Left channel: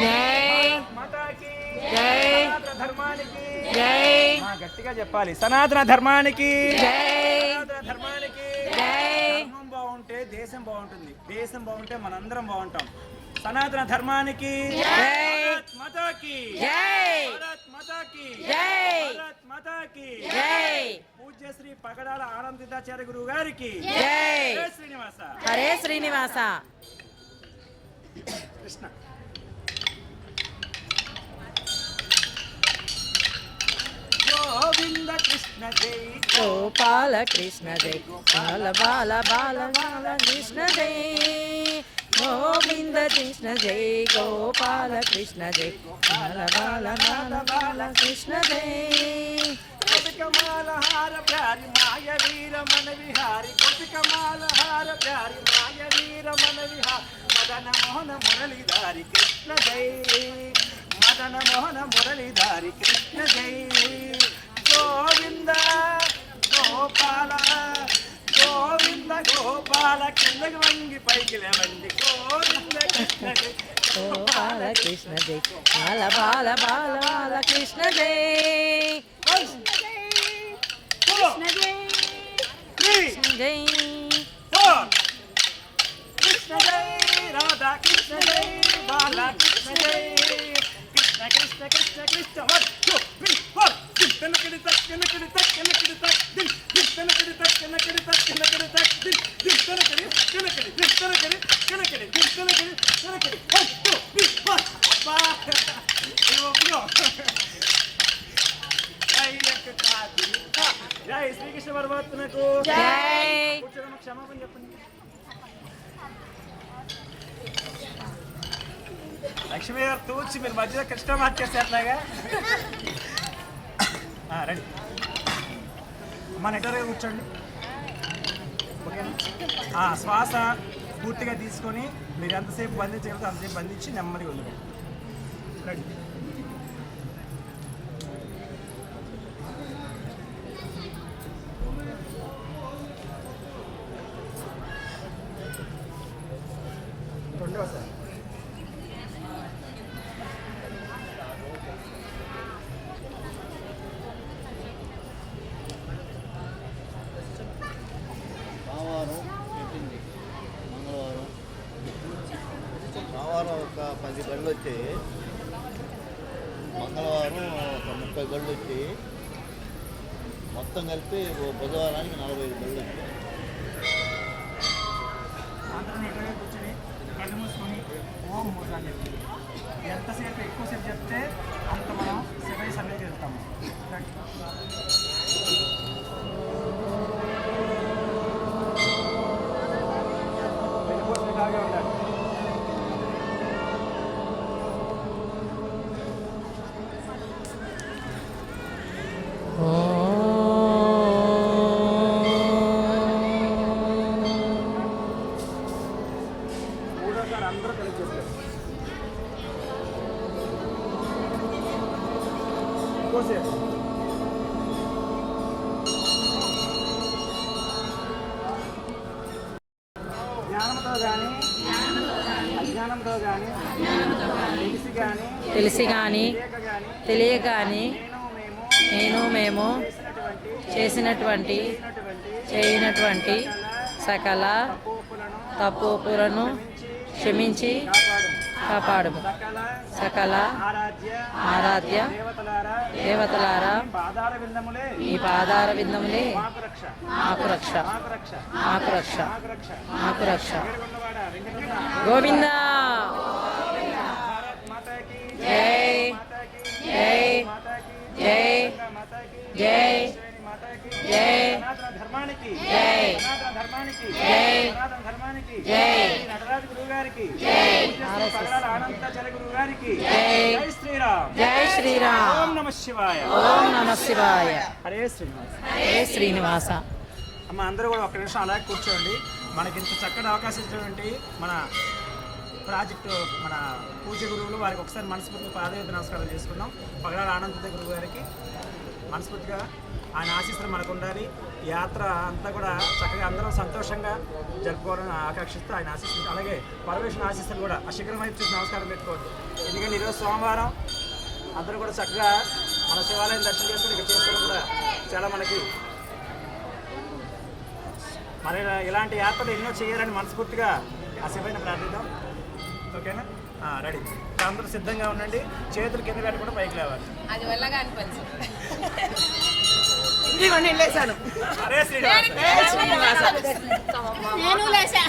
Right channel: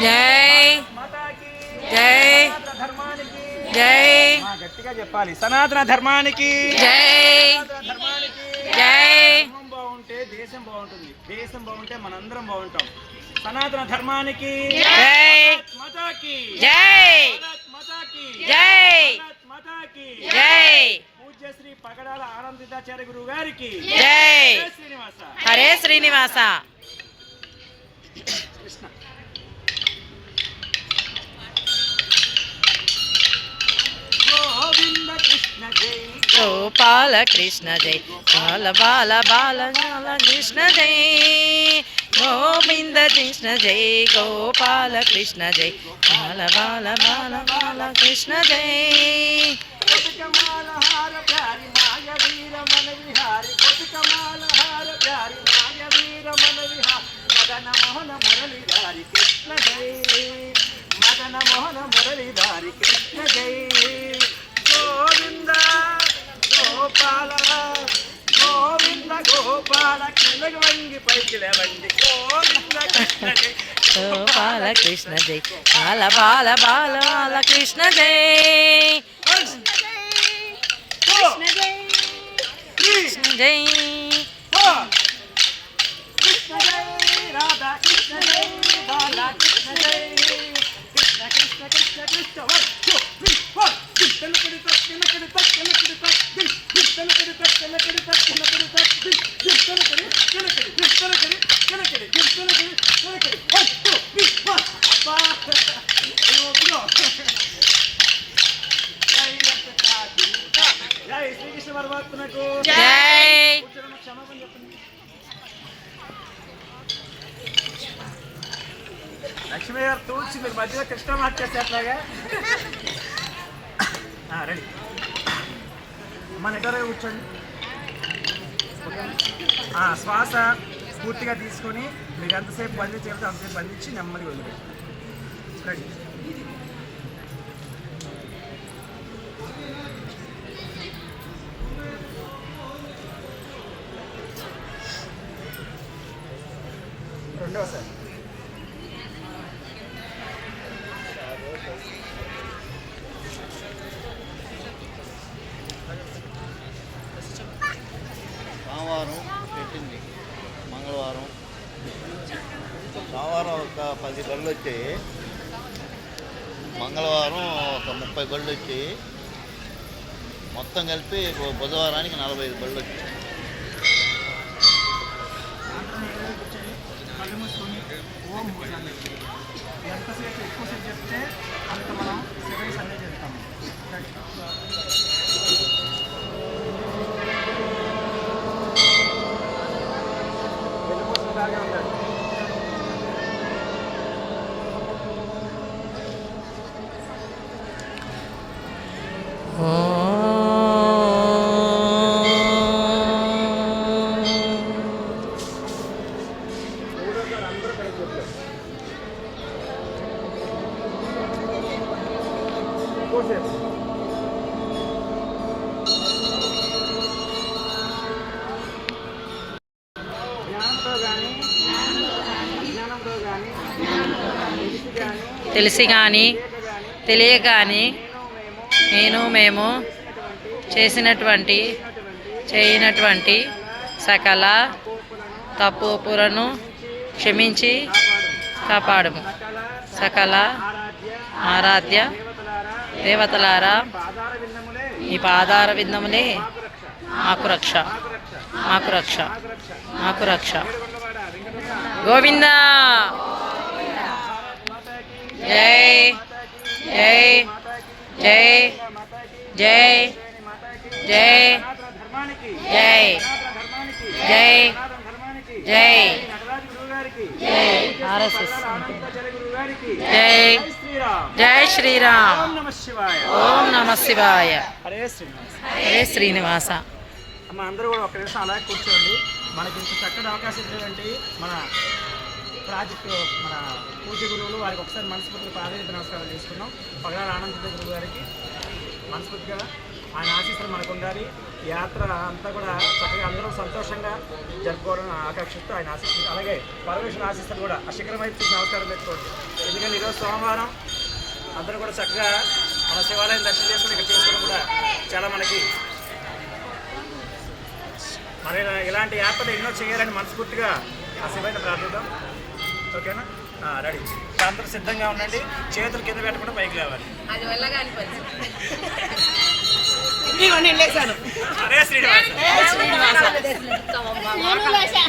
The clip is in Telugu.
జై. జై. జై. గట్టిగా చెప్పాలి. సనాతన ధర్మానికి. జై. జై. బాగుంటే దేశం బాగుంటుంది. దేశం బాగుంటే మనందరం బాగుంటాం. సనాతన ధర్మానికి. జై. మాతాకి. జై. మాతాకి. జై. మాతాకి. జై. శ్రీ పగడాల ఆనందితాచార్య గురువు గారికి జై. జై శ్రీనివాస. హరే శ్రీనివాస. కృష్ణ. గోవింద కృష్ణ జై. గోపాల కృష్ణ జై. బాల బాల బాల బాల కృష్ణ జై. గోవింద కృష్ణ జై. గోపాల కృష్ణ జై. బాల బాల బాల బాల కృష్ణ జై. గోపికమాలహార ప్యారి మాయ వీర మన విహారి గోపికమాలహార ప్యారి మాయ వీర మన విహారి మదన మోహన మురళిదారి కృష్ణ జై మదన మోహన మురళిదారి కృష్ణ జై గోవింద గోపాల గోవింద గోపాల కిందకి వంగి పైకి లేవండి గోవింద కృష్ణ జై. గోపాల కృష్ణ జై. బాల బాల బాల బాల కృష్ణ జై. జై శ్రీకృష్ణ పరమాత్మకు జై కూర్చోనమ్మ, క్షమాపణ చెప్పండి లక్ష్మీ గారు తూచి మీరు మధ్యలో కృష్ణ మార్చేసేట్లాగా రెడీ. మన ఎటరే కూర్చోండి. ఓకేనా? శ్వాస పూర్తిగా తీసుకొని మీరు ఎంతసేపు బంధించగలిగితే అంతసేపు బంధించి నెమ్మదిగా వదిలిపెట్టి. రెడీ. రెండవసారి సోమవారం పెట్టింది మంగళవారం సోమవారం ఒక పది వచ్చాయి మంగళవారం ఒక ముప్పై బళ్ళు వచ్చాయి మొత్తం కలిపి బుధవారానికి నలభై ఐదు బళ్ళు వచ్చాయి అందరం ఎక్కడే కూర్చొని ఎంతసేపు ఎక్కువసేపు చెప్తే అంత మనం శివయ్య సందేశం Joseph. తెలిసి కానీ తెలియ కానీ నేను మేము చేసినటువంటి చేయనటువంటి సకల తప్పులను క్షమించి కాపాడము. సకల ఆరాధ్య దేవతలారా పాదార విందములే ఈ పాదార విందములే మాకు రక్ష. మాకు రక్ష. మాకు రక్ష. గోవింద! జై జై జై జై జై జై జై జై జై ఆర్ఎస్ఎస్. జై. జై శ్రీరామ్. ఓం నమ శివాయ. ఓం నమ శివాయ. హరే శ్రీనివాస్. అమ్మ అందరూ కూడా ఒక నిమిషం అలాగే కూర్చోండి. మనకి ఇంత చక్కటి అవకాశం ఇచ్చినటువంటి మన ప్రాజెక్టు మన పూజ గురువులు వారికి ఒకసారి మనస్ఫూర్తిగా పాదవేద నమస్కారం చేసుకుందాం. పగడాల ఆనంద గురువు గారికి మనస్ఫూర్తిగా ఆయన ఆశీస్సులు మనకు ఉండాలి. యాత్ర అంతా కూడా చక్కగా అందరం సంతోషంగా జరుపుకోవడం ఆకర్షిస్తూ ఆయన ఆశిస్తుంది అలాగే పరమేశ్వరుని ఆశీస్సులు కూడా ఆ శిఖరం వైపు చూసి నమస్కారం పెట్టుకోండి. ఎందుకంటే ఈరోజు సోమవారం. అందరూ కూడా చక్కగా మన శివాలయం దర్శనం చేసుకుని ఇక్కడ చేసుకోవడం కూడా చాలా మనకి మరి ఇలాంటి యాత్రలు ఎన్నో చేయాలని మనస్ఫూర్తిగా ఆ శివైన ప్రార్థిద్దాం. ఓకేనా? రెడీ. అందరూ సిద్ధంగా ఉండండి. చేతులు కింద పెట్టకుండా పైకి లేవాలి. అది వల్లగా అనిపించింది అరే శ్రీనివాస. నేను లేసా.